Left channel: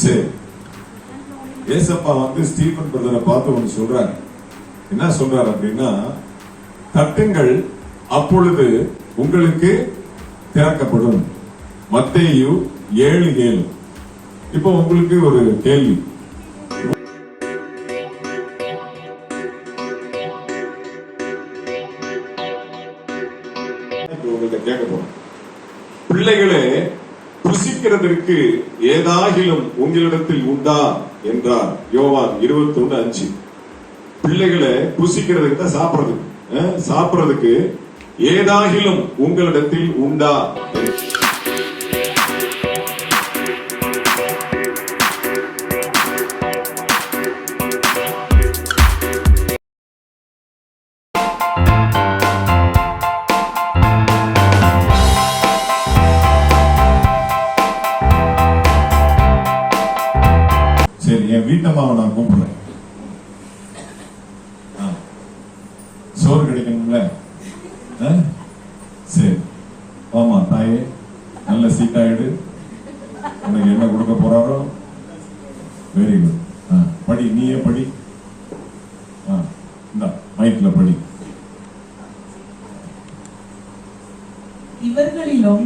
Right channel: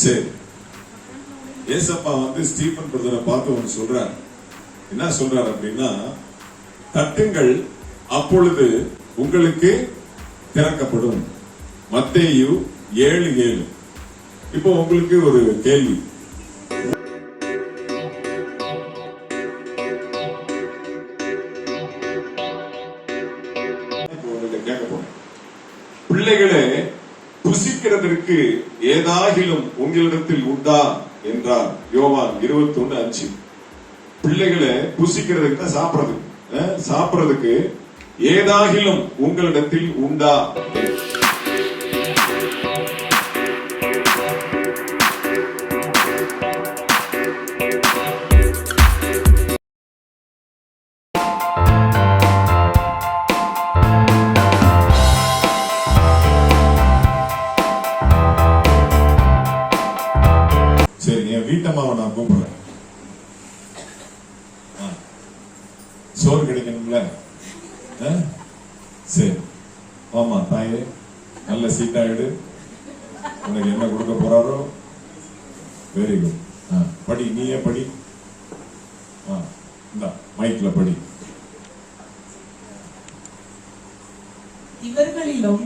சரி, ஏசப்பா ஸ்டீபன் பிரதரை பார்த்து ஒன்று சொல்றாரு. என்ன சொல்றாரு அப்படின்னா, தட்டுங்கள் அப்பொழுது உங்களுக்கு திறக்கப்படும். மத்தேயு 7:7. இப்போ உங்களுக்கு ஒரு கேள்வி. கேட்க போறேன். பிள்ளைகளே, புசிக்கிறதற்கு ஏதாகிலும் உங்களிடத்தில் உண்டா என்றார். யோவான் 21:5. பிள்ளைகளை புசிக்கிறதுக்கு தான் சாப்பிடுறதுக்கு ஏதாகிலும் உங்களிடத்தில் உண்டா? சரி, என் வீட்டம்மாவை நான் கூப்பிடுறேன். சோறு கிடைக்கணும்ல? சரி, ஆமா தாயே, நல்ல சீட்டாயிடு. உனக்கு என்ன கொடுக்க போறாரோ? Very good. படி, நீயே படி. மைக்ல படி. இவர்களிலும்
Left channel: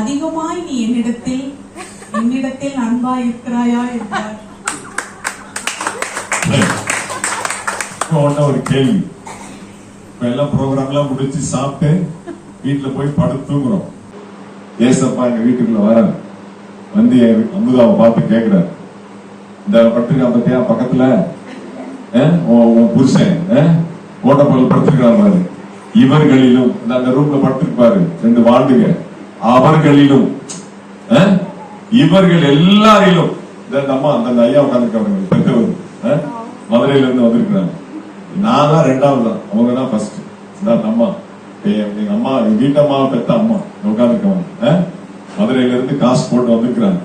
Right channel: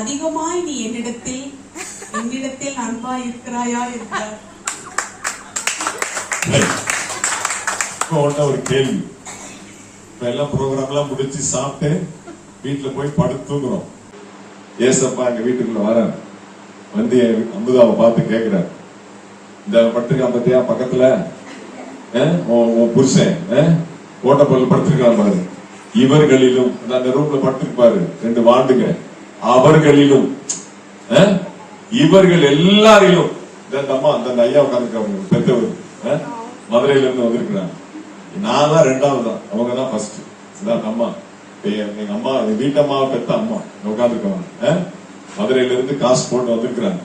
அதிகமாய் நீ என்னிடத்தில் அன்பாய் இருக்கிறாயா என்றார். ஒரு கேள்வி. இப்ப எல்லாம் ப்ரோக்ராம் எல்லாம் முடிச்சு சாப்பிட்டு வீட்டுல போய் படுத்து தூங்குறோம். ஏசப்பா எங்க வீட்டுக்குள்ள வர அமுதாவை பார்த்து கேட்கிறாரு, இந்த படுத்திருக்கான் பத்தியா பக்கத்துல புருஷன் ஓட்டப்பல் படுத்திருக்கான் பாரு. இவர்களிலும் அந்த ரூம்ல படுத்திருப்பாரு 2 வாண்டுங்க. அவர்களிலும் இவர்கள் எல்லாரிலும் இந்த அம்மா அந்த ஐயா உட்காந்துருக்காங்க பெற்றவர் மதுரையில இருந்து வந்திருக்கிறாங்க. நான் தான் 2வது தான், அவங்க தான் ஃபர்ஸ்ட். அம்மா எங்க அம்மா வீட்டம்மா பெத்த அம்மா உட்காந்துருக்காங்க. மதுரையில இருந்து காசு போட்டு வந்திருக்கிறாங்க.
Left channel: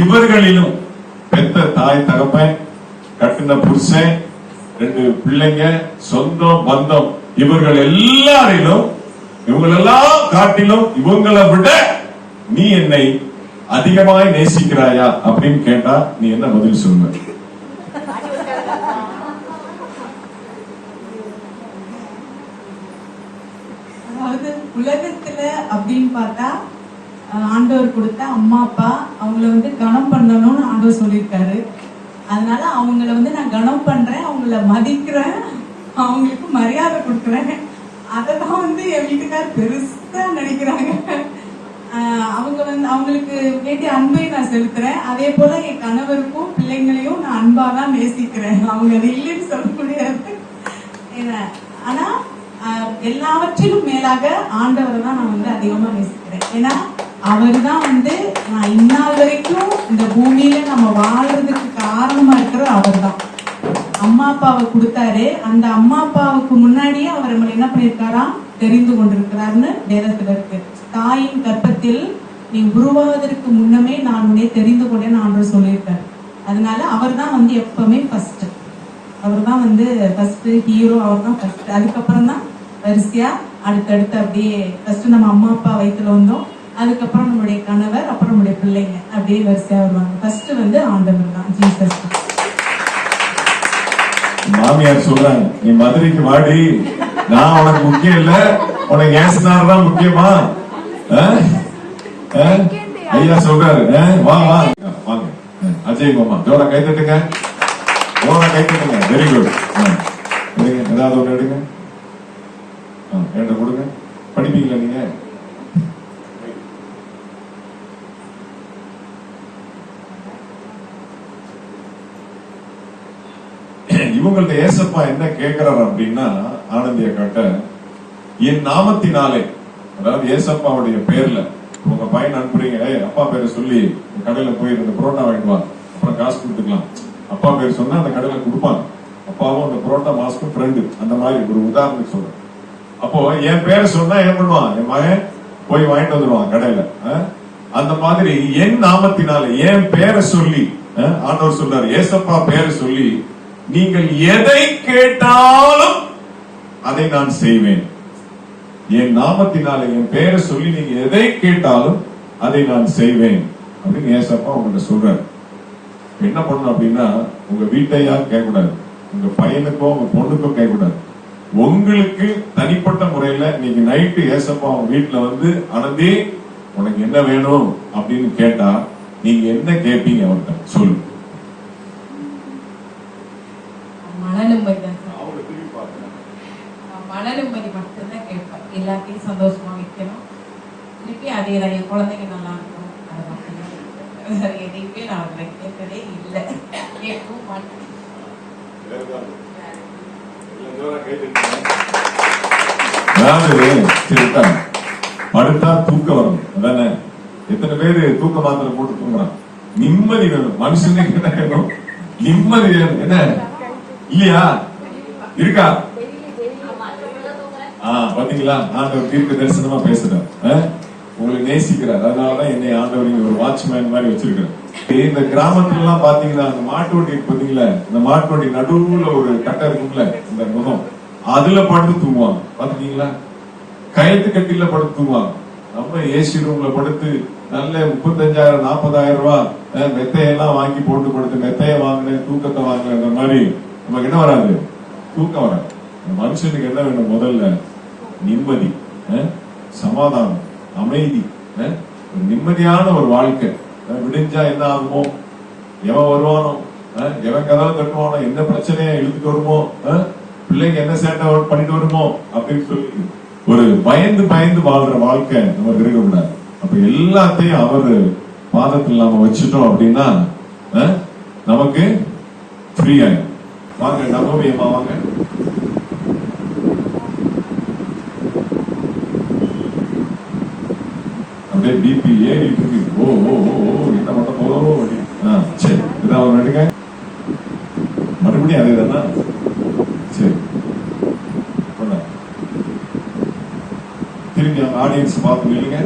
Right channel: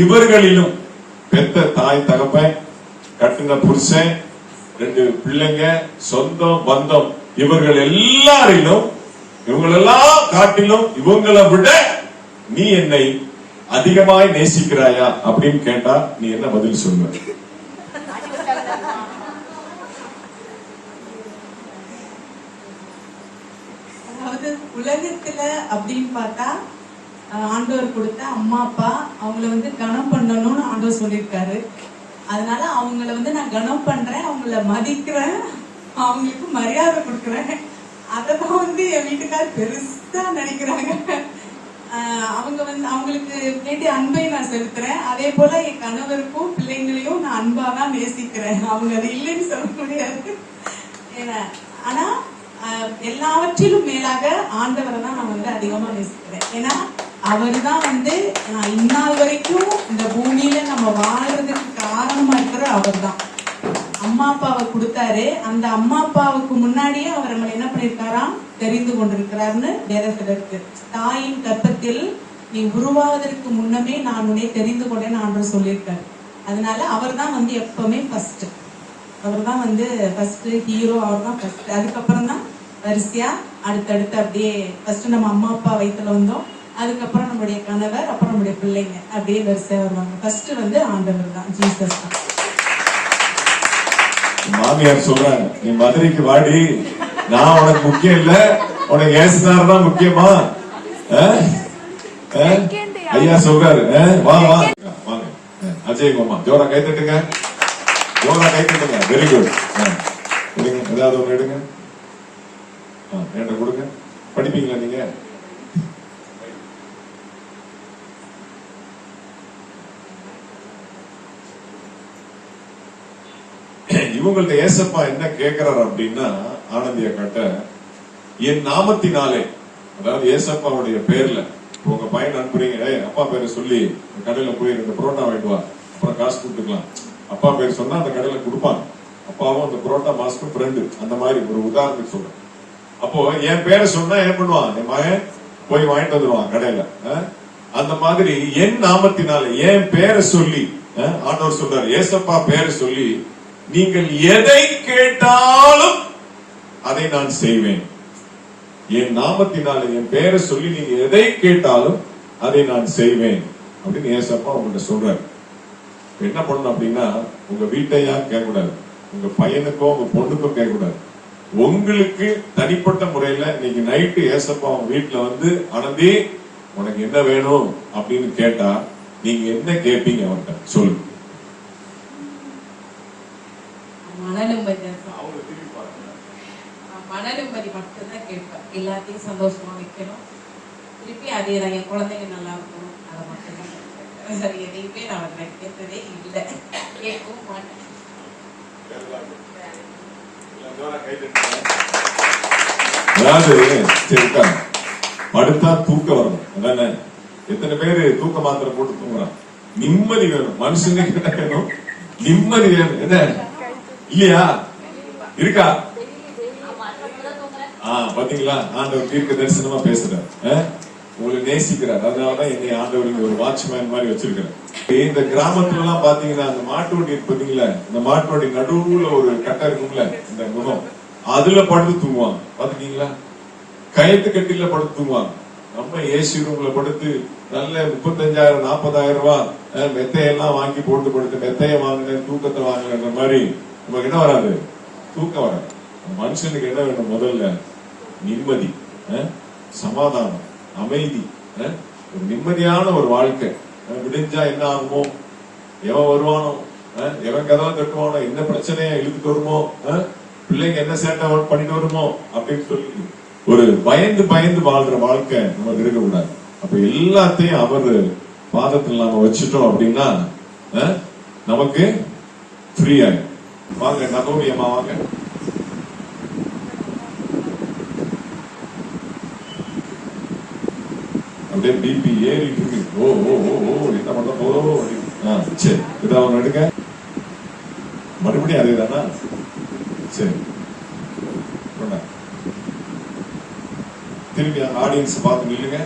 இவர்களிலும் பெத்த தாய் தகப்பன், கட்டின புருஷன், 2 பிள்ளைங்க, சொந்தம் பந்தம், இவர்கள் எல்லாரிலும் இவங்களெல்லாம் காட்டிலும் இவங்களை விட நீ என்னை அதிகமாய் நேசிக்கிறாயா அப்படின்னு கேட்டா நீ என்ன பதில் சொல்லுவ? உலகத்துல அப்படின்னு பார்த்தா ஆண்டவர் கொடுத்த அம்மா அப்பா அவங்கள கனம் பண்ணணும்னு ஆண்டவர் சொல்லியிருக்காரு. அதனால அவங்கள நான் கனம் பண்றேன், அவங்கள மதிக்கிறேன், அவங்களுக்கு மரியாதை கொடுக்குறேன். அதெல்லாம் என் வீட்டுக்கார் பெருசா நினைக்கிறாங்க. அவங்க அவங்களுக்கு வேண்டிய அன்பை நான் செலுத்துறேன். அதே போல என் கணவருக்கும் பிள்ளைங்களையும் நான் அன்பாதான் நேசிக்கிறேன். அவங்க அது இல்லைன்னு சொல்ல முடியாது. ஆனா எல்லாவற்றிலும் மேலாக ஆண்டவரை தான் நான் அதிகமா நேசிக்கிறேன். ஏன்னா அவர் தான் நான் இந்நாள் வரைக்கும் இந்த பூமியில நம்ம வாழ்றதுக்கு காரணமா இருக்கிறது அவர் தான். அம்மா அப்பாவை கொடுத்தாரு. அந்த அம்மா அப்பாவுக்கு முன்னாடியே அவர் நம்மளை என்ன பண்ணிருக்காராம் தெரிந்து கொண்டிருக்கிறாருன்னு வேதத்துல இருக்கு. தாயின் கர்ப்பத்தில் நீ உருவாவதற்கு முன்னமே நான் உன்னை தெரிந்து கொண்டேன்னு ஆண்டவர் சொல்லியிருக்காரு. அதனால அவர் தான் எப்பவுமே ஃபர்ஸ்ட். அவர் தான் ஃபர்ஸ்ட் ஹீரோ. அவர் தான் ஃபர்ஸ்ட். அதுக்கப்புறம் தான் வரிசையா அடுத்தடுத்து அப்படியே ஃபர்ஸ்ட் நம்ம அம்மா அப்பா வயிற்றுல வந்தோம், அதுக்கப்புறம் நம்முடைய கணவர், அப்புறம் நம்முடைய பிள்ளைங்க, அப்படியே வரிசையா வருவாங்க. ஃபர்ஸ்ட் ஆண்டவர் தான், ஜீசஸ். மாமியார் சொல்றாங்க, நீ மதுரைக்கு வாடி, நான் உனக்கு முக்கியம் இல்ல, உனக்கு ஏசுனார் தான் முக்கியமா? ஐயா சொல்றாரு, வாங்க வாங்க அஜய் மாமா, ஜோரா கை தட்டுங்க, ஜோரா கை தட்டுங்க. Very good. ஏதாவது ஒண்ணு எடுங்க, கொடுங்க. படிப்பீங்களா நீங்க? இவங்கள்ட்ட ஏசப்பா என்ன கேட்கிறார் அப்படின்னா, ஆனந்திய காட்ட என் நாமத்தினாலே, அதாவது ஏசப்பாவுடைய பேர்ல உங்க பையன் அனுப்புறீங்க, அப்பா பேரை சொல்லி கடையில போய் 2 புரோட்டா வாங்கிடுவாங்க, அப்புறம் காசு கொடுத்துக்கலாம். அப்பா பேர் சொன்னா அந்த கடையில கொடுப்பாங்க. அப்பாவும் அந்த புரோட்டா மாஸ்க்கும் ஃப்ரெண்டு. அந்த மாதிரி ஒரு உதாரணத்துக்கு சொல்றேன். அப்போ என் பேரை சொன்னா என்ன பண்ணுவான், என் மகன் போய் வாங்கிட்டு வந்துடுவான் கடையில. அந்த மாதிரி என் நாமத்தினால, என் பேரை சொல்லி ஆண்டவர் சொல்றாரு, ஏசப்பா பேரை சொல்லி நீங்கள் எதை கேட்டாலும் அதை நான் செய்வேன். என் நாமத்தினால, என் பேரை சொல்லி நீங்க எதை கேட்டாலும் அதை நான் செய்வேன் அப்படின்னு ஏசப்பா உங்கள்கிட்ட சொல்றாரு. என்ன பண்ணணும் அப்படின்னா, உங்க வீட்டையா கேட்கக்கூடாது, உங்க பையனுக்கோ உங்க பொண்ணுக்கோ கேட்கக்கூடாது. உங்களுக்கு தனிப்பட்ட முறையில இன்னைக்கு நைட்டு ஏசப்பா உங்க வீட்டுல வந்து, ஆனந்தி உனக்கு என்ன வேணும் அப்படின்னு கேட்டா நீங்க என்ன கேட்பீங்க அவர்கிட்ட சொல்லுங்க. மனநிம்மதி மட்டும்தான் கேட்பேன். எல்லாத்தையும் சந்தோஷமா வைக்கணும். திருப்பி அதே தான், என் குழந்தைங்க நல்லா இருக்கும். அது மட்டும்தான். வேற எதையுமே நான் அவங்களை கேட்கறதே இல்லை, கேட்கவும் மாட்டேன். படுத்தா தூக்கம் வரும். அதானே, எத்தனை பேரு தூக்க மாத்திரை போட்டு தூங்குறான்? நிம்மதி வேணும் மனுஷனுக்கு. என்ன வேணும்? நிம்மதி வேணும். என்ன இல்லையா? இருக்கா? பாத்தீங்களா, ஆண்டவர் தீர்க்க தரிசனமா பேசுறார். உங்களை நேசிக்கிறார். அதனாலதான் என்னை ஆண்டவர் இங்க ஒரு வாட்ச்மேன் மாதிரி வச்சிருக்கிறார். இந்த கிராமத்துல எல்லாம் பாத்தீங்கன்னா, அந்த மாட்டு வண்டி பாத்தீங்களா, இந்த மாட்டு வண்டி நடுவுல ஒரு கட்டை இருக்கும்ல, இந்த முகம், அதுல படுத்து தூங்குவாங்க. பாத்தீங்களா, கயத்து கட்டில படுத்து தூங்குவாங்க. நம்ம ஏசி ரூம்ல படுத்து நல்ல 35,000 40,000 ரூபாய் மெத்தையெல்லாம் வாங்கி போட்டு படுத்து, மெத்தைய வாங்கினேன் தூக்கத்தை வாங்கின மாதிரி நமக்கு என்ன வராது? தூக்கம் வராது. மனுஷனுக்கு என்ன வேணும்? முதல்ல நிம்மதி, சமாதானம், அமைதி, ஒரு நிம்மதியான ஒரு வாழ்க்கை. விடிஞ்சா என்ன ஆகுமோ, எவன் வருவானோ, எவன் கதவை தட்டுவானோ, என்ன பிரச்சனையை இழுத்துட்டு வருமோ, பிள்ளைங்க என்ன சேட்டை பண்ணிட்டு வருமோ அப்படின்னு சொல்லி ஒரு பயந்து பயந்து வாழ்ற வாழ்க்கை நமக்கு இருக்கக்கூடாது. அப்ப எல்லாத்தையும் அவர் பாதத்தில் நாம வச்சுட்டோம் அப்படின்னா நமக்கு ஃப்ரீ ஆகும். வாங்க நகோமியம்மா வாங்க. அப்படியே பிபி ஏறிட்டு இருக்கு. ஓ ஓ ஓ என்ன பண்ண போதோ. சரி, இதான் அவங்க எடுங்க. மறுபடியும் அதே தானா? சரி, திரும்பி அந்த ஆடியன்ஸ் பார்த்து நில்லுங்க.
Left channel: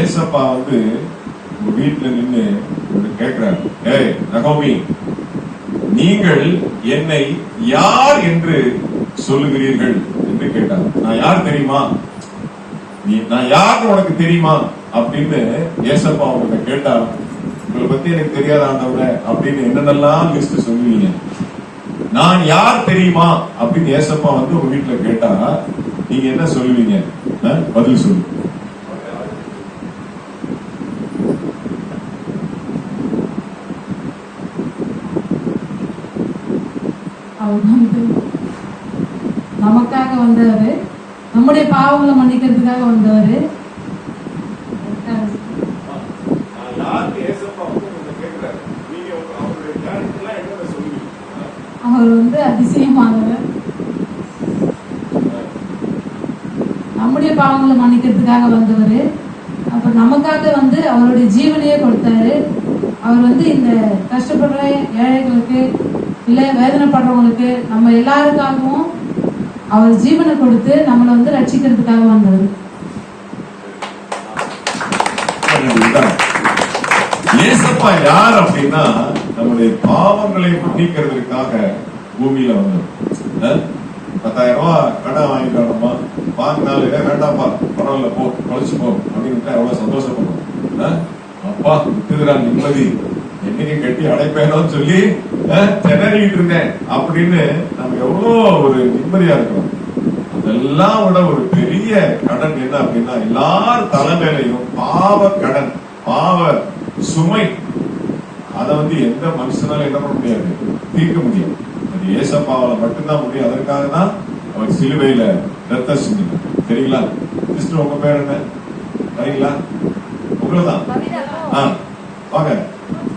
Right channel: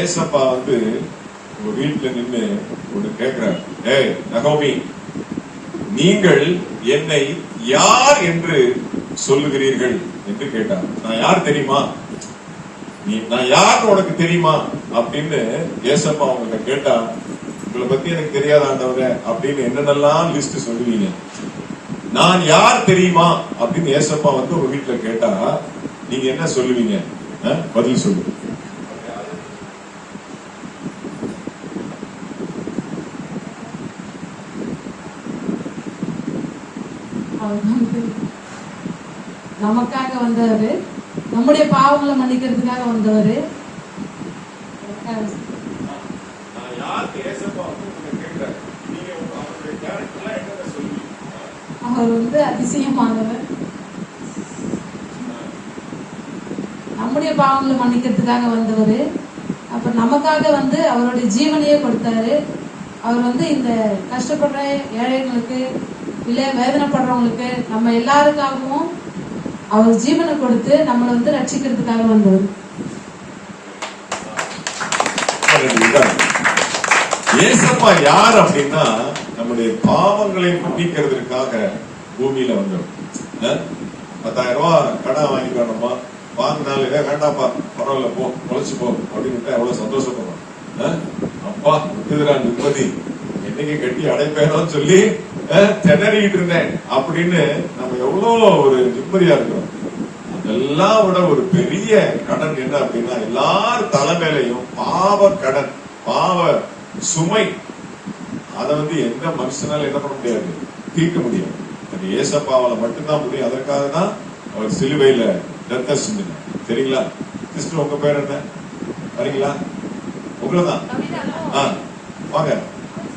ஏசப்பா வந்து உங்க வீட்டுல நின்று ஒண்ணு கேட்கிறார். ஏய் நகோமி, நீங்கள் என்னை யார் என்று சொல்லுகிறீர்கள் என்று கேட்டார். நான் யார் தெரியுமா? நான் யார் உனக்கு தெரியுமா அப்படின்னு ஏசப்பா உங்கள்கிட்ட கேட்டா, உங்களை பத்தி எனக்கு தெரியாத ஆண்டவரே அப்படின்னு என்னென்னலாம் லிஸ்ட் சொல்லுவீங்க. நான் யார் தெரியுமா அப்படின்னு ஏசப்பா வந்து உங்க வீட்டுல கேட்டா நீங்க என்ன சொல்லுவீங்க? பதில் சொல்லு. நமக்காக வந்தவரு, நம்முடைய பாவங்களை மன்னிக்கிறதுக்காக வந்தவரு. அவர் வந்து அதிசயமானவர், நம்முடைய பாவங்களை மன்னிக்கிறதுக்காக வந்தவர். அப்ப நமக்காக வந்து அவருடைய ஜீவனையே கொடுத்தாரு. அவர் வந்து இந்த கஷ்டப்படுற ஏழைகளுக்கு, இல்ல வேதனைப்படுறவங்களுக்கு, நம்ம எல்லாருக்காகவும் அவர் ஜீவனை கொடுத்து நம்மளை வந்து ரட்சிக்கிறதுக்காக வந்தவர். ஏசப்பா யார் அப்படின்னா, நம்முடைய பாவங்களை மன்னிக்கிறதுக்காக பூமியில வந்தவர். 10,000 ரூபாய் கடன் வாங்கிக்கணுமா, வாங்கினாலும் வேண்டாப்பா பரவாயில்ல போ தொலைச்சு போ அப்படின்னு எவ்வளவு சந்தோஷப்படுறோம். அப்பா விட்டுதுரா நிம்மதி, என்னைக்கு கட்டி அடைப்பேனோன்னு சொல்லி திணறிட்டு இருந்தேன் அப்படின்னு நம்ம எவ்வளவு ஒரு நிம்மதியா இருக்கிறோம். அதெல்லாம் விட ஒரு பெரிய கடன் என்ன அப்படின்னா, எல்லார் தலைமையிலையும் பாவ கடன், பாவ சுமை. அதை வந்து எந்த மனுஷனால என்ன பண்ண முடியாது, தீர்க்க முடியாது. அது ஏசப்பாவால மட்டும்தான் முடியும். அதற்காக தான் அவர் சிலுவையில ரத்தம் சிந்தினார். சரிங்களா சிஸ்டர், உங்க பேர் என்ன? சரிங்களா, உங்களதான். வாங்க,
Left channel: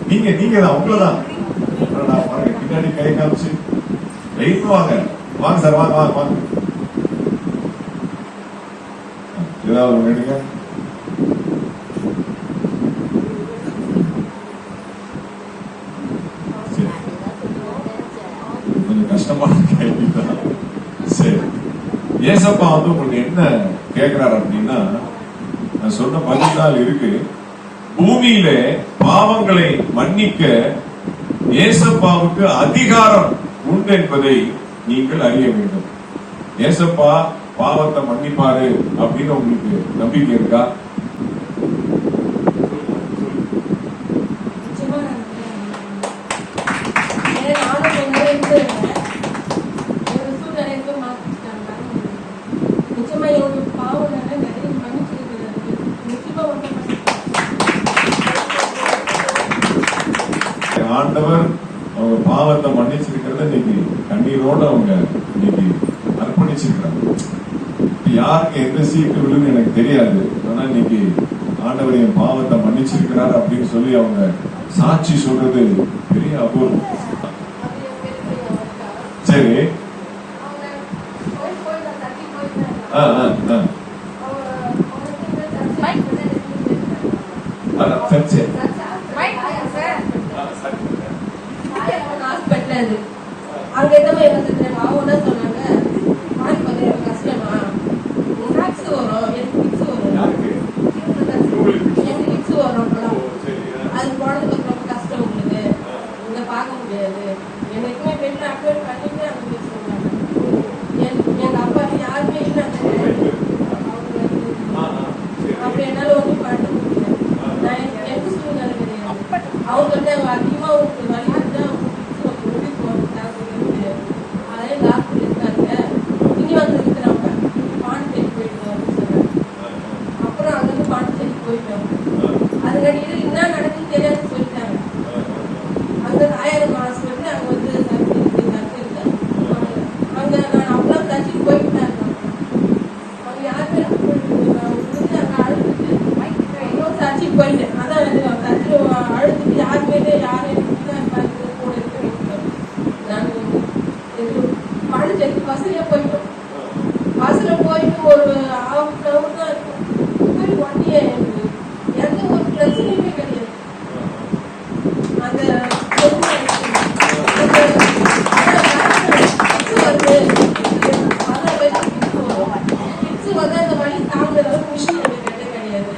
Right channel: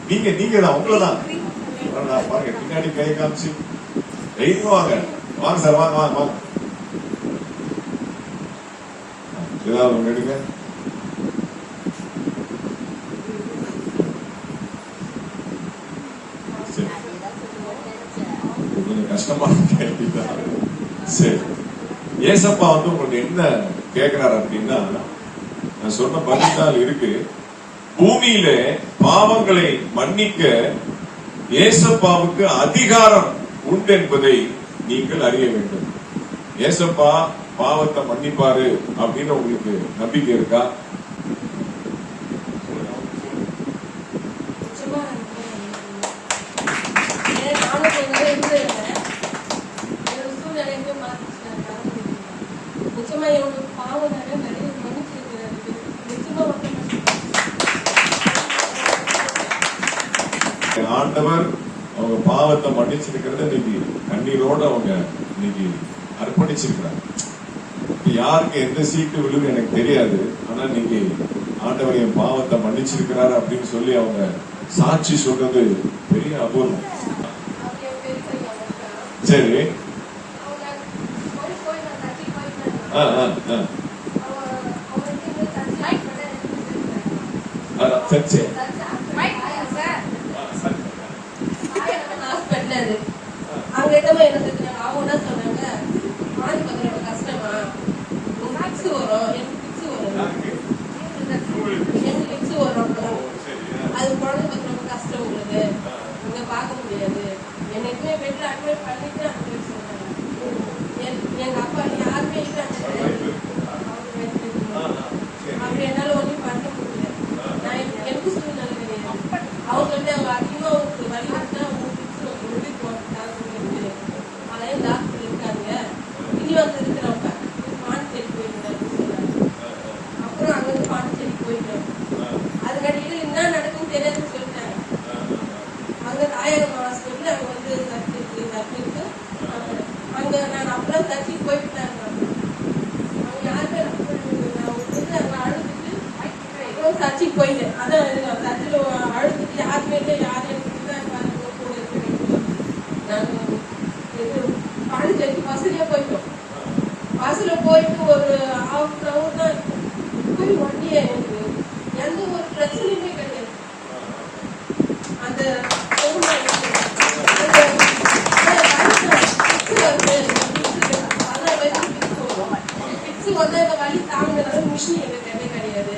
நீங்க தான், உங்களதான். பாருங்க பின்னாடி கை காமிச்சு வெயிட் வாங்க. வாங்க சார், வாங்க வாங்க வாங்க. ஏதாவது ஒண்ணு எடுங்க. கொஞ்சம் கஷ்டமான கேள்விதான். சரி, ஏசப்பா வந்து உங்களுக்கு என்ன கேட்கிறாரு அப்படின்னா, நான் சொன்ன பதில் இருக்கு. பூமியில பாவங்களை மன்னிக்க ஏசப்பாவுக்கு அதிகாரம் உண்டு என்பதை நீங்கள் அறிய வேண்டும். ஏசப்பா பாவத்தை மன்னிப்பாரு அப்படின்னு உங்களுக்கு நம்பிக்கை இருக்கா? பாவத்தை மன்னிச்சிருக்கிறத இன்னைக்கு கண்ணீரோட அவங்க இன்னைக்கு அர்ப்பணிச்சிருக்கிறாங்க. யாருக்கு எந்த சீட்டு விழுன்னு எனக்கு தெரியாது. ஆனா இன்னைக்கு ஆண்டவர் என் பாவத்தை மன்னிச்சிருக்கிறார் அப்படின்னு சொல்லி அவங்க சாட்சி சொல்றது பெரிய அபூர்வம். சரி. சர்ச்சை அங்க என்னமோ என்ன சொல்றாங்க, அவங்க என்ன சொன்னாங்க, மாறி பார்த்தா எனக்கு கஷ்டமா, சாக்ஸ் வரும், எனக்கு பிக்ஸ் வரும், எனக்கு பிக்ஸ் வரும், அது குழந்தை ரொம்ப கஷ்டம் உங்களுக்கு, இங்க பார்க்க முடியாது, என்னைக்குமே பெட்ல அட்மிட் பண்ணிட்டு அந்த பிக்ஸ் சொன்னாங்க. எங்க அப்பா யாருமே இல்லை அந்த அப்படி என்னால ஒன்றும் பண்ண முடியல. நான் எனக்கு சூழ்நிலை கிடையாது. அவங்க வந்து அதிகமா ஒரு வழி தான் அதே டாக்டர் இருக்காங்க, இனி வந்து இருக்கிறவங்க பாண்டிச்சேரி போயிட்டாங்க. அப்புறம் அங்கிருந்து பாண்டிச்சேரி போயிட்டாங்க. அதுக்கடியில என்ன நடக்குன்னு தெரியாதுன்னு சொல்லிட்டாங்க. அங்க 1000 ஹாஸ்பிட்டல் அங்க வந்து சர்ஜரி அங்க நான் அப்புறம் சர்ஜரி போயிட்டாங்க. அவங்க யாருமே உங்களுக்கு அங்க அழுதுட்டு அப்புறம் சர்ஜரி போயிட்டேன். அதான் சர்ஜரி அழுதுட்டு யாருமே யாரும் கூட இருக்க பாண்டிச்சேரி பஸ்ல போயிட்டோம். பஸ்ல போயிட்டு ஒரு ஹாஃப் அன் ஹவர் தான் போய் வண்டியே எந்த ஒரு பிரச்சனையுமே கிடையாது. அந்த வந்து அந்த வழி தாங்க மிஷின் கிடையாது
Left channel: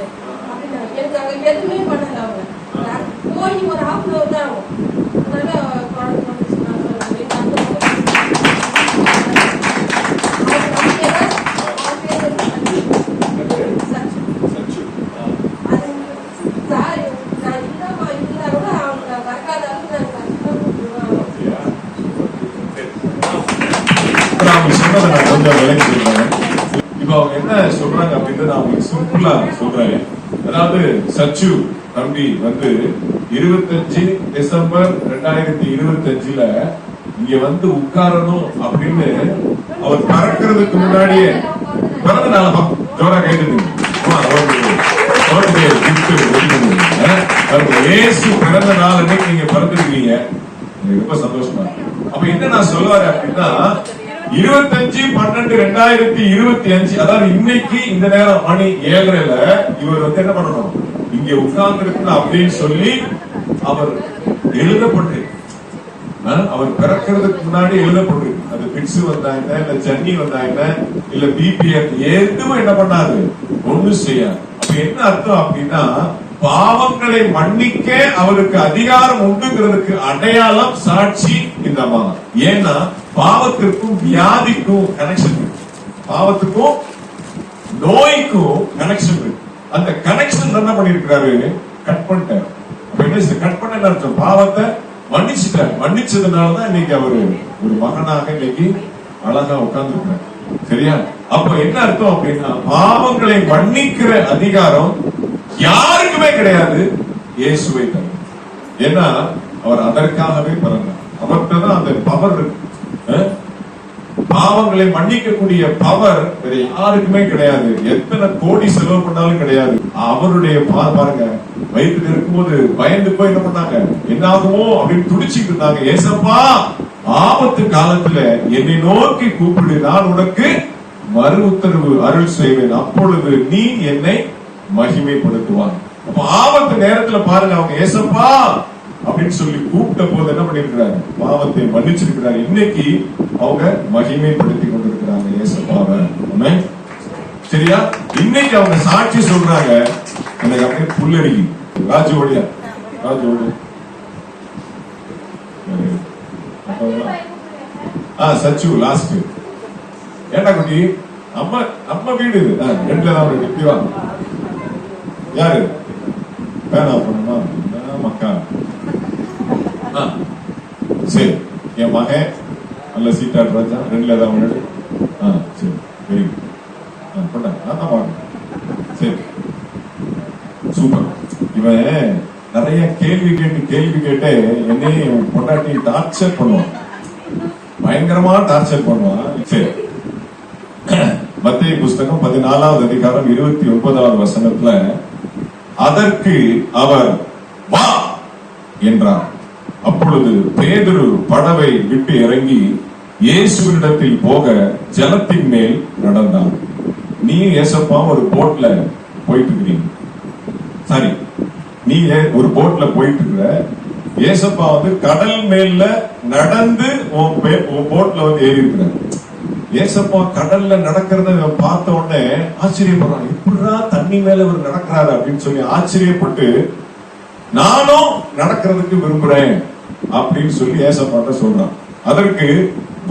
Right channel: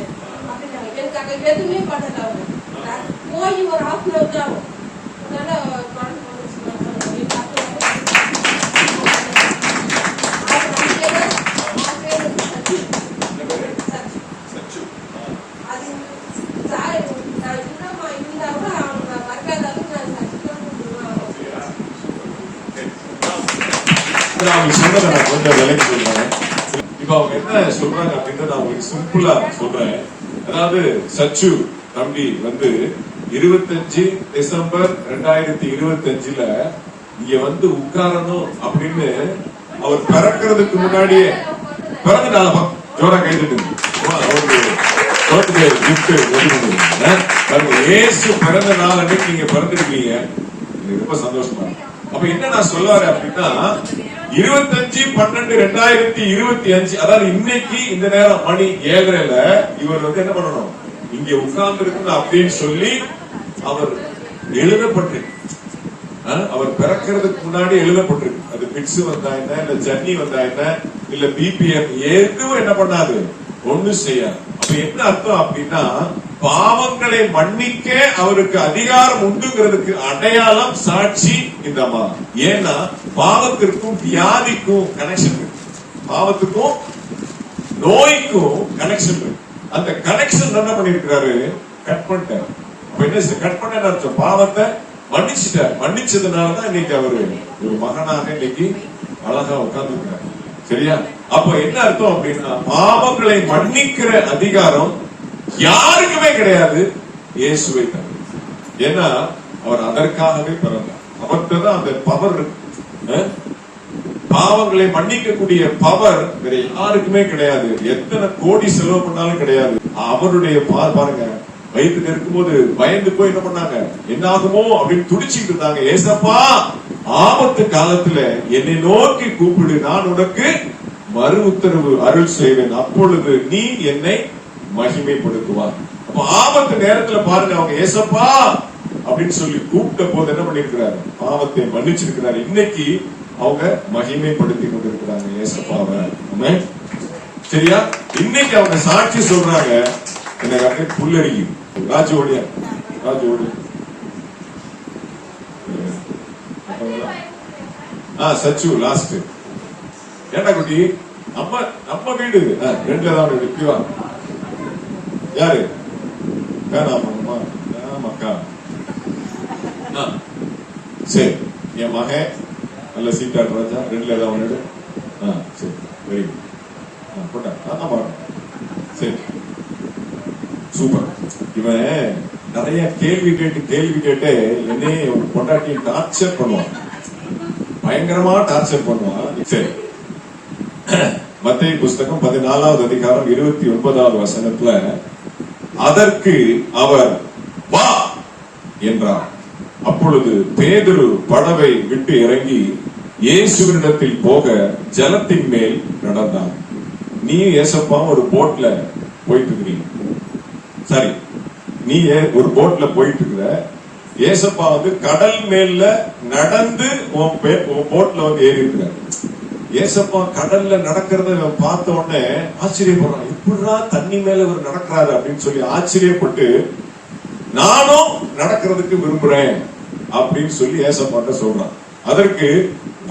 அப்படின்னாங்க. எனக்கு அங்க எதுவுமே பண்ணல. அவங்க போய் ஒரு ஹாஃப் அன் ஹவர் தான் ஆகும். அதனால சொன்னதை நான் கொஞ்சம் விலைக்கு சொல்றேன். இப்ப அவங்க என்ன சொல்றாங்க அப்படின்னு நான் உங்களுக்கு சிம்பிளா சொல்றேன். அதாவது சச்சு தம்பி வந்து 25 டிசம்பர் 2025 இங்க வந்து உட்காரணும் அப்படின்னு அவர் பறக்கிறதுக்கு முன்னாடியே பிறந்த நாள் ஜோரா கேட்டு ஏசு பிறந்த நாள் அன்னைக்கு நீங்க பிறந்திருக்கீங்க. ரொம்ப சந்தோஷமா. அப்ப என்ன நான் சொல்ல வரேன் அப்படின்னா 25/12/2025 அதாவது இன்னைக்கு இந்த நேரம் மணி 7:30 இவர் வந்து என்ன பண்ணணும், இங்க உட்கார்ந்து இருக்கணும் அப்படின்னு சொல்லி அவர் எழுதப்பட்டிருக்கு. அவர் பிறக்கிறதுக்கு முன்னாடி எழுதப்பட்டிருக்கு. அது பிட்ஸ் வந்தா என்ன, இல்ல ஜன்னி வந்தா என்ன, இல்ல பிபிஎன் எதுவும் என்ன பண்ணாது, ஒண்ணும் செய்யாது. அப்ப என்ன அர்த்தம் அப்படின்னா பாவங்களை மன்னிக்க அவருக்கு அதிகாரம் உண்டுங்கிறதுக்கு அடையாளம் சாட்சி இந்த அம்மா. ஏன்னா பாவத்திற்கும் வியாதிக்கும் கனெக்ஷன் இருக்கு, பாவத்துக்கும் நோய்க்கும் கனெக்ஷன் இருக்கு. அந்த கனெக்ஷன் என்ன பண்ணிருக்கிறாரு, கட் பண்ணிட்டாரு. அப்ப என்ன கட் பண்ண அர்த்தம், பாவத்தை மன்னிச்சுட்டார். மன்னிச்சதுனாலதான் இன்னைக்கு அவரு ஒரு மகனாக இன்னைக்கு அழகா உட்கார்ந்து இருக்காரு. சரியா? அப்ப என்ன அர்த்தம் அப்படின்னா பாவங்களை மன்னிக்கிற அதிகாரம் யாருக்குமே கிடையாது, இயேசுவை தவிர. ஏன்னா அவர் அதற்காகவே பிறந்தார். அவர்கிட்ட தான் அந்த பவர் இருக்கு. பாவங்களை மன்னிக்கக்கூடிய பவர் வேற யாருக்குமே கிடையாது. எத்தனை கோடி செலவு பண்ணாலும் கிடையாது. அவருடைய பாருங்க, வயிற்றுல இருக்கும்போது பயந்து போய் என்ன பண்ணாங்க, என்ன ஆகுமோ அப்படின்னு துடிச்சுட்டு இருந்தாங்க. ஏசப்பா ஆபத்து காலத்துல என்னை நோக்கி கூப்பிடு, நான் உனக்கு மறு உத்தரவு அருள் செய்வேன், அப்பொழுது நீ என்னை மகிமைப்படுத்துவார். அப்ப ஆபத்து நேரத்துல பாருங்க, அவங்க ஏசப்பா அப்படின்னு சொல்லி கூப்பிட்ட போது என்ன பண்ணிருக்கிறாரு, பாவத்தை மன்னிச்சிருக்கிறாரு. இன்னைக்கு அவங்க மகிமைப்படுத்தி கொண்டிருக்கிறாங்க ஏசப்பாவை. சரியா? இன்னைக்கு அவங்க சாட்சி சொல்றாங்க. எனக்கு அப்படியே புல்லரிக்கி. ராஜோடியா ராஜோடு சச்சு லாஸ்ட். ஏண்டா குட்டி, நம்ம வீடு 2 வீடு. இப்படி வாங்க. யாரு பேனா பண்ணுமா மக்கா? சரி, என் மகன் நல்ல சீட்டாடு ராஜா 2 வீடு. சரி, வெரி குட். நான் தான் பாருங்க. சரி, சூப்பர். இவன் நிறைய கேள்வி கேட்டே என்னையே பொண்டாட்டி டார்ச்சர் பண்ணுவான், பயங்கரமா டார்ச்சர் பண்ணுவான். சரி, மத்தேயு புஸ்தகம் 14வது அதிகாரம் 29வது வசனத்துல, அதற்கு அவர் வா என்றார். அப்பொழுது பேதுரு படவை விட்டு இறங்கி இயேசுவினிடத்தில் போக ஜலத்தின் மேல் நடந்தான். நீ ஏசப்பா ஒரு போட்ல போயிட்டு இருக்கிறீங்க, சரி, நீ ஒரு போட்ல போயிட்டு இருக்கிற, ஏசப்பா வந்து கடல் மேல நடந்து உன் போட்ல வந்து ஏறி இருக்கிற. ஏசப்பா கடல்ல நடக்கிறத பார்த்த உடனே ஆச்சரியப்படுறான், இப்படிடா தண்ணி மேல இவர் நடக்கிறாரு அப்படின்னு சொல்லி ஆச்சரியப்பட்டு, நானும் நடக்கிறதுக்கு விரும்புறேன் அப்படின்னு சொல்லி ஏசப்பாட்ட சொல்றான். அதற்கு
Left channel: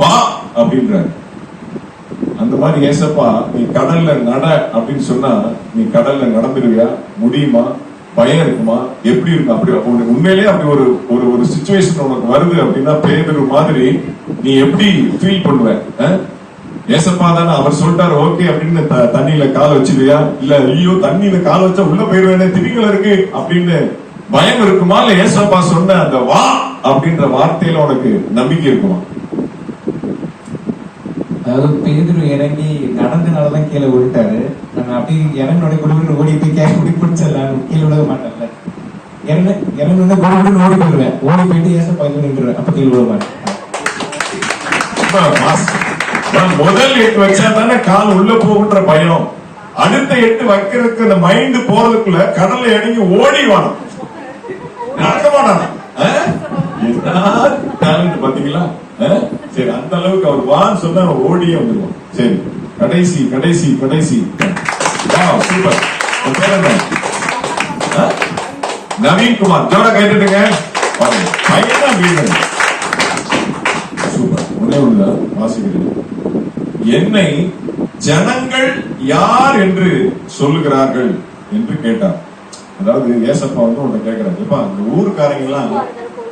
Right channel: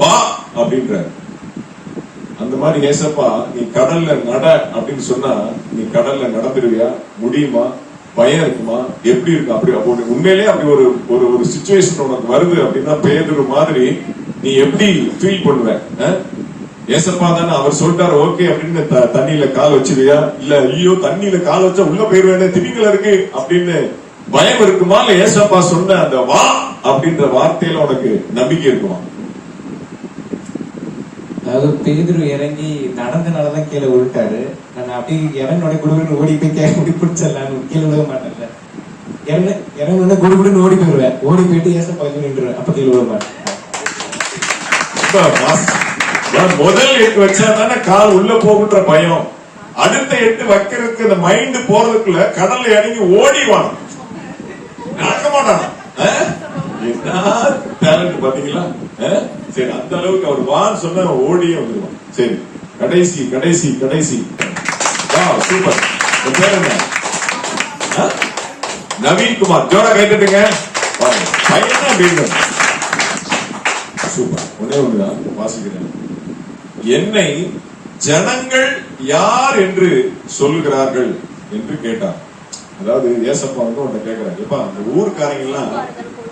வா அப்படின்ற. அந்த மாதிரி ஏசப்பா நீ கடல்ல நட அப்படின்னு சொன்னா நீ கடல்ல நடந்துருவியா? முடியுமா? பயம் இருக்குமா? எப்படி இருக்கு? அப்படி உண்மையிலே அப்படி ஒரு ஒரு ஒரு சிச்சுவேஷன் உனக்கு வருது அப்படின்னா பேதுரு மாதிரி நீ எப்படி ஃபீல் பண்ணுவ? ஏசப்பா தானே, அவர் சொல்லிட்டாரு ஓகே அப்படின்னு தண்ணியில கால் வச்சிருவியா? இல்ல ஐயோ தண்ணியில கால் வச்சா உள்ள போயிருவேனே, திமிங்கல இருக்கு அப்படின்னு பயம் இருக்குமா? இல்ல ஏசப்பா சொன்ன அந்த வா அப்படின்ற வார்த்தையில உனக்கு நம்பிக்கை இருக்குமா? அதாவது பேதுரு இறங்கி நடந்தனாலதான் கீழே விழுட்டாரு. நான் அப்படி இறங்கினோட குடும்பம் ஓடி போய் கேட்க பிடிச்சிடலாம், கீழே விழுக மாட்டேன்ல. இறங்கின குடும்பம் ஓடி போயிடுவேன், ஓடி போயிட்டு ஏசப்பா நின்றுவேன், அப்ப கீழே விழுக மாட்டேன். முதல் 8 வச்சா தானே கால் உள்ள போகுன்ற பயம். அடுத்த 8 வைக்கிறதுக்கு அந்த மைண்ட் போறதுக்குள்ள கடல்ல இறங்கி ஓடிவான், நடக்கமாட்டான். டேலண்ட் பாத்தீங்களா? சரி, அந்த அளவுக்கு அவர் வான்னு சொன்னா ஓடியே வந்துருவான். சரி, கடைசி கடைசி கடைசி சூப்பர். உன் பேர் என்ன? நவீன்குமார். ஜோரா கைட்டுங்க. பையன் வீடு சூப்பர். ஒன்னே ஒண்ணுதான் வாசிக்கிறது. என்னை ஜனங்கள் யார் என்று சொல்லுகிறார்கள் என்று கேட்டார். அதாவது ஏசப்பா வந்து உன்னை கேட்கிறார், எப்பா அந்த ஊருக்காரங்க எல்லாம்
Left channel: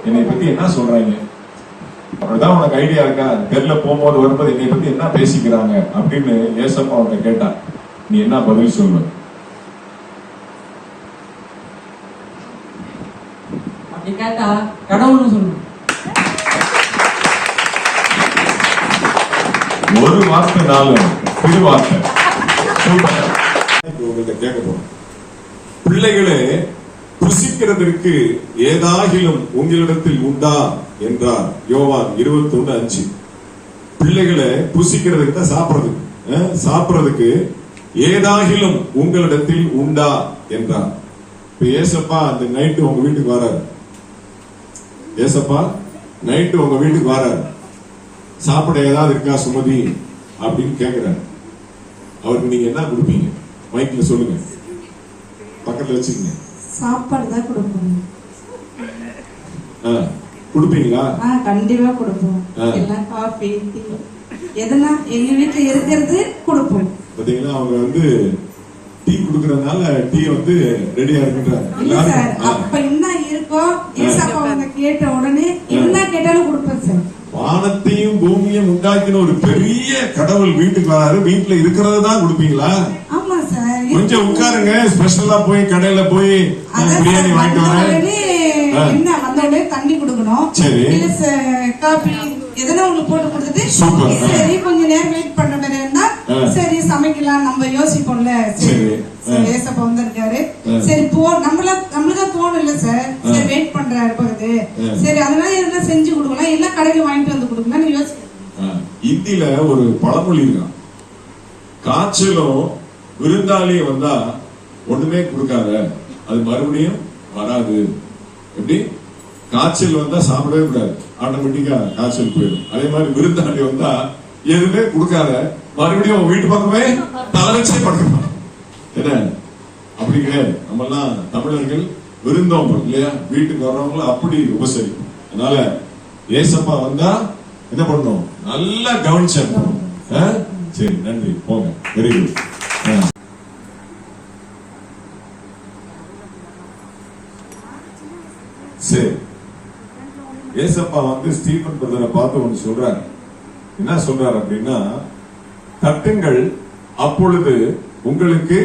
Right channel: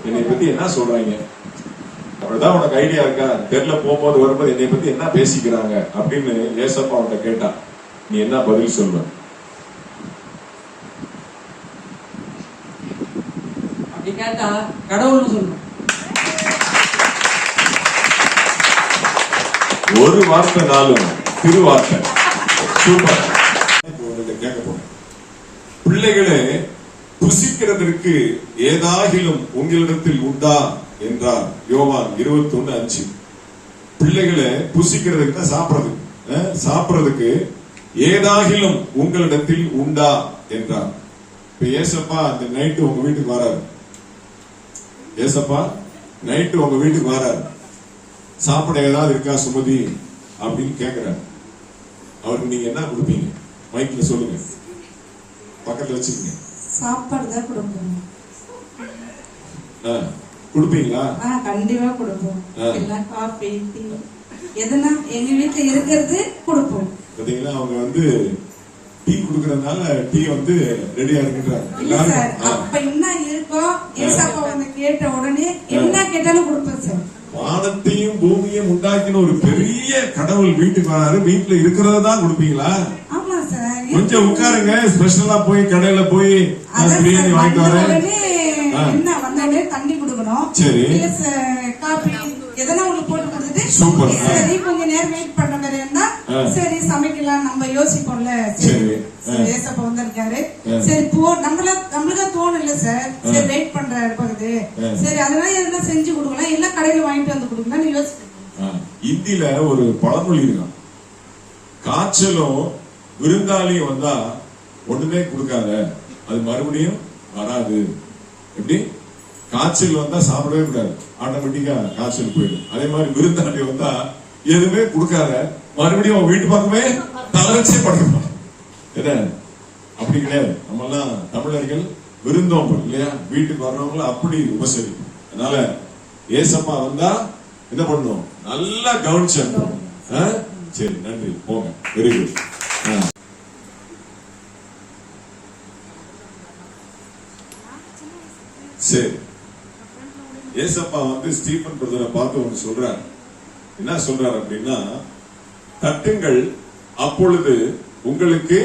என்னை பத்தி என்ன சொல்றாங்க, அப்படிதான் உனக்கு ஐடியா இருக்கா? தெருல போகும்போது வரும்போது என்னை பத்தி என்ன பேசிக்கிறாங்க அப்படின்னு ஏசப்பா உன்னை கேட்டா நீ என்ன பதில் சொல்லுவ? அப்படி கேட்டா கடவுள்னு சொல்லணும். ஒரு வார்த்தை நாளும் திருவார்த்தை. சூப்பர். உங்கள்கிட்ட கேட்க போறேன், பிள்ளைகளே புசிக்கிறதற்கு ஏதாகிலும் உங்களிடத்தில் உண்டா என்றார். யோவான் 21:5. பிள்ளைகளை புசிக்கிறதுக்கு தான் சாப்பிடுறதுக்கு ஏதாகிலும் உங்களிடத்தில் உண்டா என்றார். இப்ப ஏசப்பா அந்த நைட்டு உங்க வீட்டுக்கு வராரு, ஏசப்பா நைட்டு உங்க வீட்டுக்கு வராரு, சாப்பிட ஏதாவது இருக்கா சுமதி அப்படின்னு கேக்குறாரு. அவருக்கு நீங்க என்ன கொடுப்பீங்க? மைக்ல சொல்லுங்க, பக்கத்துல வச்சுக்கீங்க. சாப்பாடு தான் கொடுப்போம். கொடுப்பீங்களா? கண்டிப்பா கொடுப்போம். எல்லாம் காஃபி டீ எதனா எங்க வீட்டுல இருக்கிறது கொடுப்போம். பாத்தீங்களா, அவங்க வந்து டீ குடுக்கறதுனால டீ வந்து ரெடியா இருக்குன்றாங்க. அப்ப என்ன இருக்கோ ஏசப்பா அவங்க கேட்ட உடனே என்ன கேட்டாலும் கொடுப்போம் சார். வானத்தையும் பூமியும் உண்டாக்கின ஒரு பெரிய கடவுள் வீட்டுக்கு வராரு, வீட்டுல இருக்கிறத தான் கொடுப்பீங்களா? ஆமா சார். கொஞ்சம் உட்காருங்க, ஸ்பெஷலா போய் கடையில போய் பிரியாணி வாங்கிட்டு வரேன். என்ன வந்தோடனே தண்ணி கொடுக்கணும், சரி, காபி எதனா ஒண்ணு போட்டு கொடுத்துட்டு சரி கொஞ்ச நேரம் வெயிட் பண்ண மாதிரி இருந்தா சரி சமைக்கலாம் நம்ம யோசிப்போம்ல. சரி ஏசப்பா வந்திருக்காரு, சரி போ நம்மளுக்கா தோணும் இல்ல சார், சரி வெயிட் பண்றாரு போகுது, சரி அதனால எதனா செஞ்சு கொடுக்கலாம், எல்லாம் கடையில வாங்கிட்டு வந்து கொடுக்கலாம் யோசிப்பேன். இந்தியில ஒரு பழமொழி இருக்கான், காய்ச்சலும் விருந்தாளியும் வந்தா ஒண்ணுமே கொடுக்காத, அது மறுபடியும் வராது. எப்படி? காய்ச்சல் வந்தா சாப்பிடவே கூடாது, ஆட்டோமேட்டிக்கா காய்ச்சல் போயிடும். அதே மாதிரி விருந்தாளி வந்தா எதுவுமே கொடுக்காத, மறுபடியும் வீட்டு பக்கமே தலைச்சே படுக்கணும். என்ன அப்படி கிடையாது. நம்ம எல்லாம் தமிழர்கள் விருந்தோம் இல்லையா, வீட்டுக்கு வர்றவங்கள அப்படி உபசரிக்கும். அதனால ஏசப்பா வந்தா என்ன பண்ணும், நல்லா கவனிச்சிடணும். சரி, நன்றி, போங்க. Very good. சரி, ஏசப்பா வந்து ஸ்டீபன் பிரதரை பார்த்து ஒன்று சொல்றாரு. என்ன சொல்றாரு அப்படின்னா, தட்டுங்கள் அப்பொழுது உங்களுக்கு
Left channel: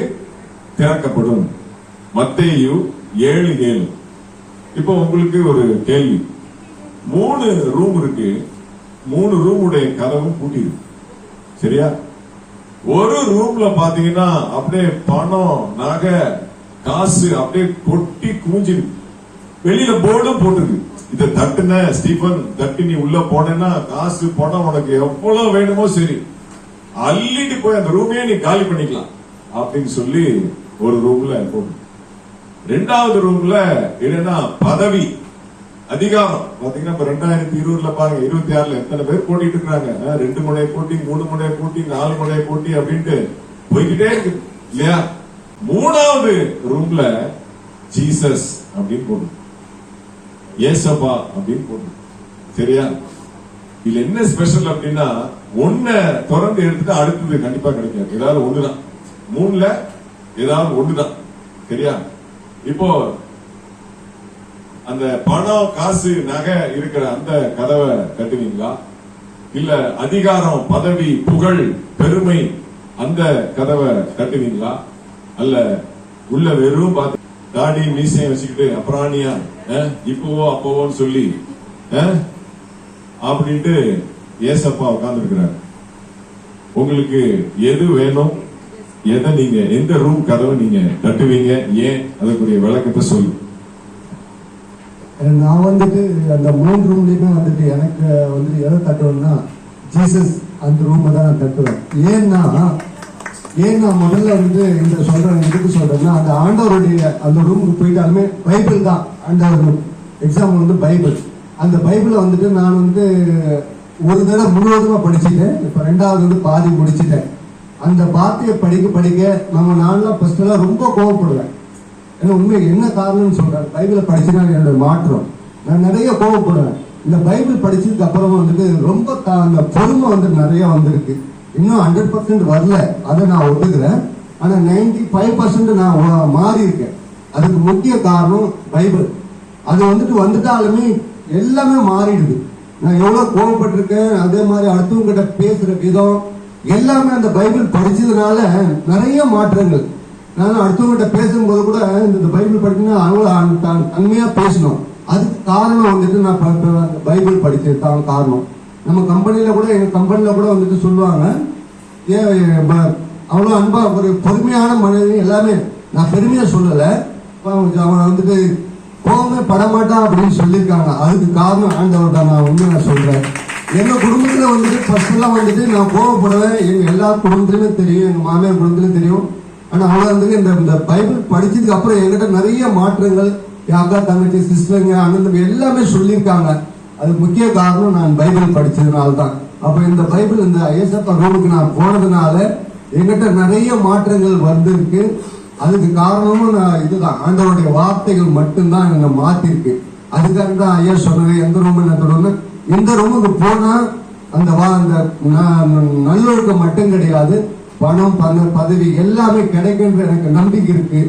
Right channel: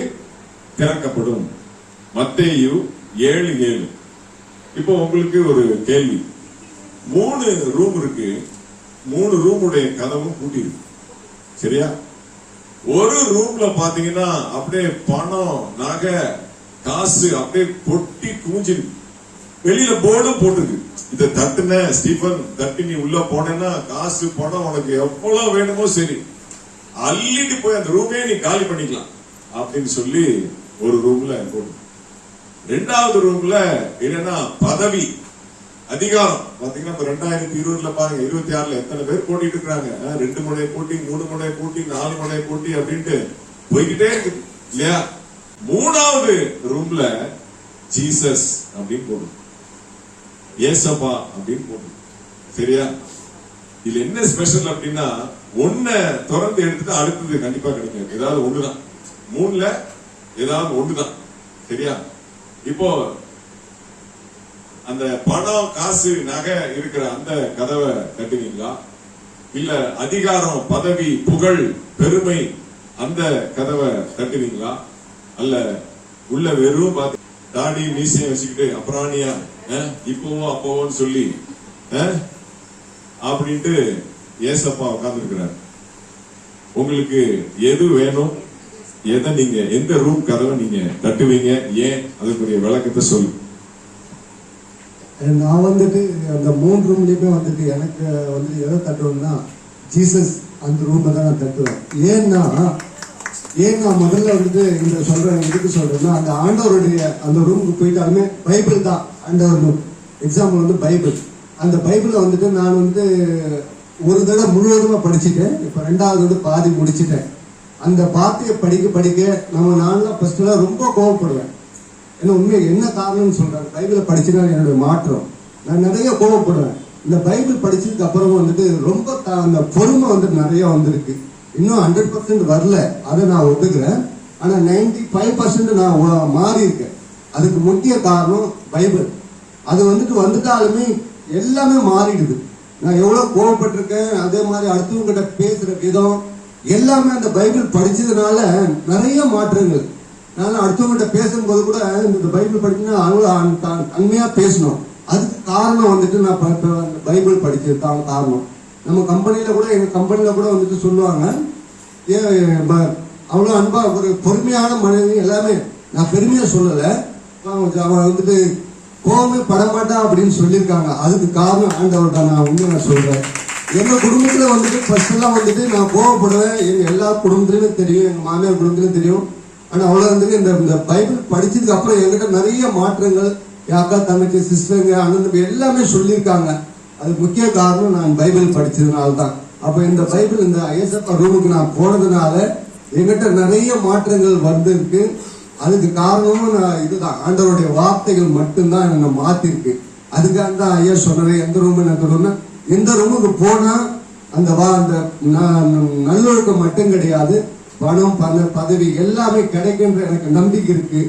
திறக்கப்படும். மத்தேயு 7:7. இப்போ உங்களுக்கு ஒரு கேள்வி. 3 ரூம் இருக்கு, 3 ரூமுடைய கதவும் பூட்டிருக்கு, சரியா? ஒரு ரூம்ல பாத்தீங்கன்னா அப்படியே பணம், நகை, காசு அப்படியே கொட்டி குமிஞ்சு, வெளியில போர்டும் போட்டுருக்கு, இத தட்டுன ஸ்டீபன் தட்டு, நீ உள்ள போனேன்னா காசு பணம் உனக்கு எவ்வளவு வேணுமோ சரி அள்ளிட்டு போய் அந்த ரூமே நீ காலி பண்ணிக்கலாம் அப்படின்னு சொல்லி ஒரு ரூம்ல போட்டு. 2வது ரூம்ல என்னன்னா பதவி, அதிகாரம். பாத்தீங்கன்னா இப்ப 2020 பாருங்க, 26ல எத்தனை பேர் போட்டிட்டு இருக்காங்க. 2 முனை போட்டி, 3 முனை போட்டி, 4 முனை போட்டி அப்படின்ட்டு போய்கிட்டே இருக்கு இல்லையா? 3வது ரூம்ல ஜீசஸ் அப்படின்னு போட்டு, ஏசப்பா அப்படின்னு போட்டு, சரியா? இதுல என்ன ஸ்பெஷல் அப்படின்னா, ஒன்ன திறந்து எடுத்துட்டு அடுத்தது கண்டிப்பா கிடைக்கும், ஏதாவது ஒண்ணுதான். 3ல ஏதாவது ஒண்ணுதான், சரியா? இப்போ அந்த பணம், காசு, நகை இருக்கிற அந்த கதவை தட்டுவீங்களா? இல்ல அதிகாரம், பதவி, புகழ், பெருமை அந்த கதவை தட்டுவீங்களா? அல்ல உள்ள வெறும் பார்த்து தாடி மீசையை வச்சுக்கிட்டு அப்புறாணியா இப்போவோ அப்போவோன்னு சொல்லி அப்படின்ட்டு ஏசப்பா உட்கார்ந்து இருக்கிறார். உங்களுக்கு எது வேணும்? எதை நீங்க, எந்த ரூம் கதவை நீங்க தட்டுவீங்க? ஏன்? அதுக்குரிய விளக்கத்தை சொல்லு. நான் வந்துட்டு அந்த 3 ரூம்லயுமே வந்துட்டு எனக்கு வந்து எதை தட்டுவேன்னா ஜீசஸ் அந்த ரூமை தான் நான் தட்டுவேன். ஏன்னா முதல்ல வந்து இந்த சொல்றேன், எதுக்கு சொல்றேன்னா, அந்த ஆண்டவருடைய அந்த ரூமுக்கு போயிட்டாலுமே பைபிள் தான் அந்த எக்ஸாம்பிள் வந்து பைபிள். அந்த பைபிளை வந்துட்டு நான் வந்து ஒரு தடவை முழுவதுமா படிச்சுட்டேன், இப்ப 2வது வந்து பாதி முடிச்சுட்டேன். அந்த வார்த்தையை படிக்க நம்ம நான்லாம் ஃபர்ஸ்ட் எல்லாம் ரொம்ப கோவப்படுவேன். ஏன்னா உண்மை என்ன காரணம்னு சொல்றேன், பைபிளை படிச்சுனா என்னுடைய மாற்றம். நான் நிறைய கோவப்படுவேன். இந்த பைபிள் படிச்சதுக்கு அப்புறம் வந்துட்டு ரொம்ப அந்த பொறுமை வந்து நிறைய வந்திருக்கு. இன்னும் 100% வரல, அதை நான் ஒத்துக்கிறேன். ஆனா 95% நான் மாறி இருக்கேன். அதுக்கு முக்கிய காரணம் பைபிள். அது வந்துட்டாலுமே எல்லாமே மாறிடுது. நான் எவ்வளவு கோவப்பட்டிருக்கேன், அதே மாதிரி அடுத்தவங்க கிட்ட பேசுற விதம் எல்லாமே அந்த பைபிள் படிச்சதுனால நிறைய மாற்றங்கள். நான் அடுத்தவங்கிட்ட பேசும்போது கூட இந்த பைபிள் படிக்கணும், அவ்வளவு அண்மையா பேசணும். அதுக்கு காரணம் வந்துட்டு நான் பைபிள் படிச்சது தான் காரணம். நம்ம கம்பெனில கூட, எங்க கம்பெனில கூட வந்துட்டு சொல்லுவாங்க, அவ்வளவு அன்பா ஒரு பொறுமையான மனிதன். எல்லாமே நான் பெருமையா சொல்லல, அவன் வந்துட்டு கோவமே படமாட்டான் அப்படின்னு சொல்லியிருக்காங்க. அதுக்கு காரணம் ஆண்டவர்கிட்ட நான் உண்மையா சொல்றேன். எங்க குடும்பத்துல வந்துட்டு ஃபர்ஸ்ட் எல்லாம் வந்துட்டு நான் கோவப்படுவேன். எங்க எல்லா குடும்பத்திலுமே தெரியும், எங்க மாமியார் குடும்பத்திலும் தெரியும். ஆனா அவ்வளவு வந்துட்டு இந்த பைபிள் படிச்சதுக்கு அப்புறம் என்கிட்ட நிறைய மாற்றங்கள், என் அக்கா, தங்கச்சி, சிஸ்டருங்க, அண்ணன் எல்லாமே சொல்லியிருக்காங்க. அது முக்கிய காரணம் நான் பைபிள் படிச்சதுனால தான். அப்ப இந்த பைபிள், இந்த ஏசப்பா ரூமுக்கு நான் போனதுனால என்கிட்ட நிறைய மாற்றங்கள் வந்திருக்கு. அதுக்கு காரணமும் நான் இதுதான், ஆண்டவருடைய வார்த்தைகள் மட்டும்தான் என்னை மாத்திருக்கு. அதுக்காக தான் ஐயா சொன்னது, எந்த ரூம் என்ன தொடர்ந்து இந்த ரூமுக்கு போனா அந்த நல்லொழுக்கம் மட்டும் கிடையாது, பணம், பதவி எல்லாமே கிடைக்குன்ற எனக்கு நம்பிக்கை இருக்கு.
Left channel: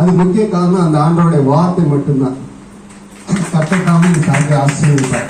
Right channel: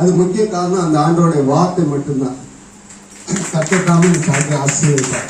அது முக்கிய காரணம் அந்த ஆண்டவருடைய வார்த்தை மட்டும்தான். கட்டத்தாமல் ஆசீர்வதிப்பார்.